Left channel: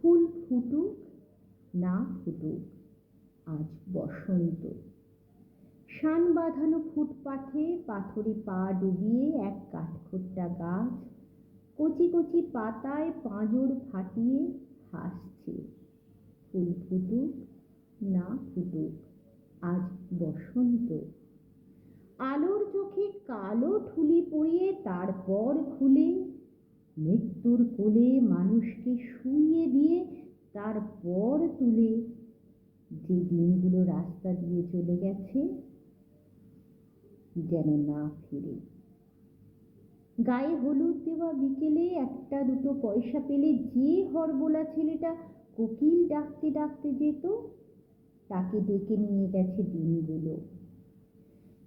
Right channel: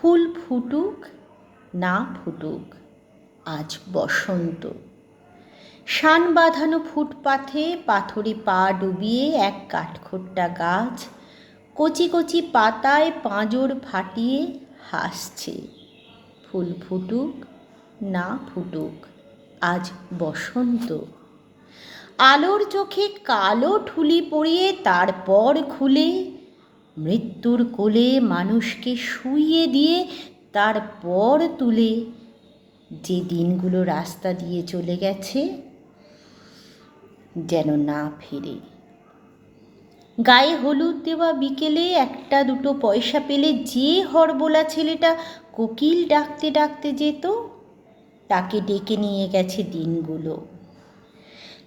ফুল ফুটুক না ফুটুক, আজ বসন্ত। শান বাঁধানো ফুটপাথে পাথরে পা ডুবিয়ে এক কাঠখোট্টা গাছ কচি কচি পাতায় পাঁজর ফাটিয়ে হাসছে। ফুল ফুটুক না ফুটুক, আজ বসন্ত। আলোর চোখে কালো ঠুলি পরিয়ে তারপর খুলে মৃত্যুর কোলে মানুষকে শুইয়ে দিয়ে তারপর তুলে যে দিনগুলো রাস্তা দিয়ে চলে গেছে যেন না ফেরে। গায়ে হলুদ দেওয়া বিকেলে একটা দুটো পয়সা পেলে যে হরবোলা ছেলেটা কোকিল ডাকতে ডাকতে যেত, তাকে ডেকে নিয়ে গেছে দিনগুলো।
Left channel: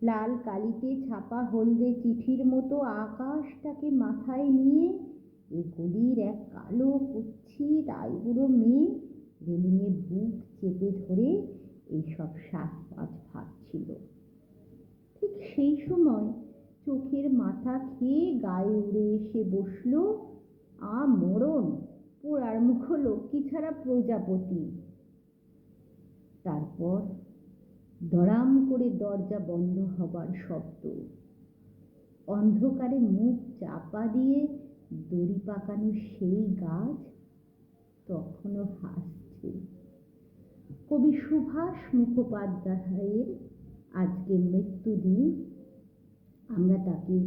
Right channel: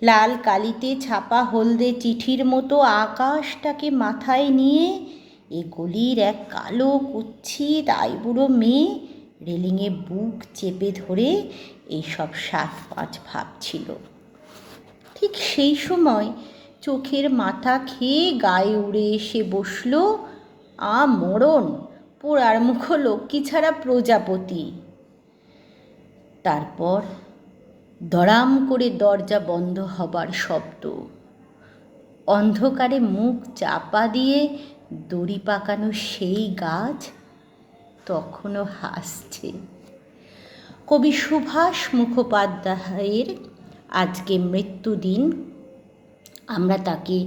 লাল কালিতে ছাপা হলদে চিঠির মতো আকাশটাকে মাথায় নিয়ে এ গলির এক কালো কুৎসিত আইবুড়ো মেয়ে রেলিংয়ে বুক চেপে ধরে এইসব ৭-৫ ভাবছিল। ঠিক সেই সময় চোখের মাথা খেয়ে গায়ে উড়ে এসে বসল মরণ, পোড়ার মুখ লক্ষ্মী ছাড়া প্রজাপতি। তারপর দড়াম করে দরজা বন্ধ হবার শব্দ। অন্ধকারে মুখ চাপা দিয়ে দড়ি পাকানো সেই গাছ তখনও হাসছে। কবি সুভাষ মুখোপাধ্যায়ের আজকে মৃত্যুদিন, আমরা তাকে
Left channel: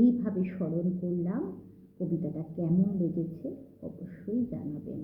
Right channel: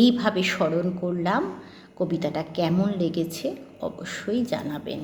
এইভাবে স্মরণ করলাম। কবিতাটা কেমন লেগেছে অবশ্যই জানাবেন।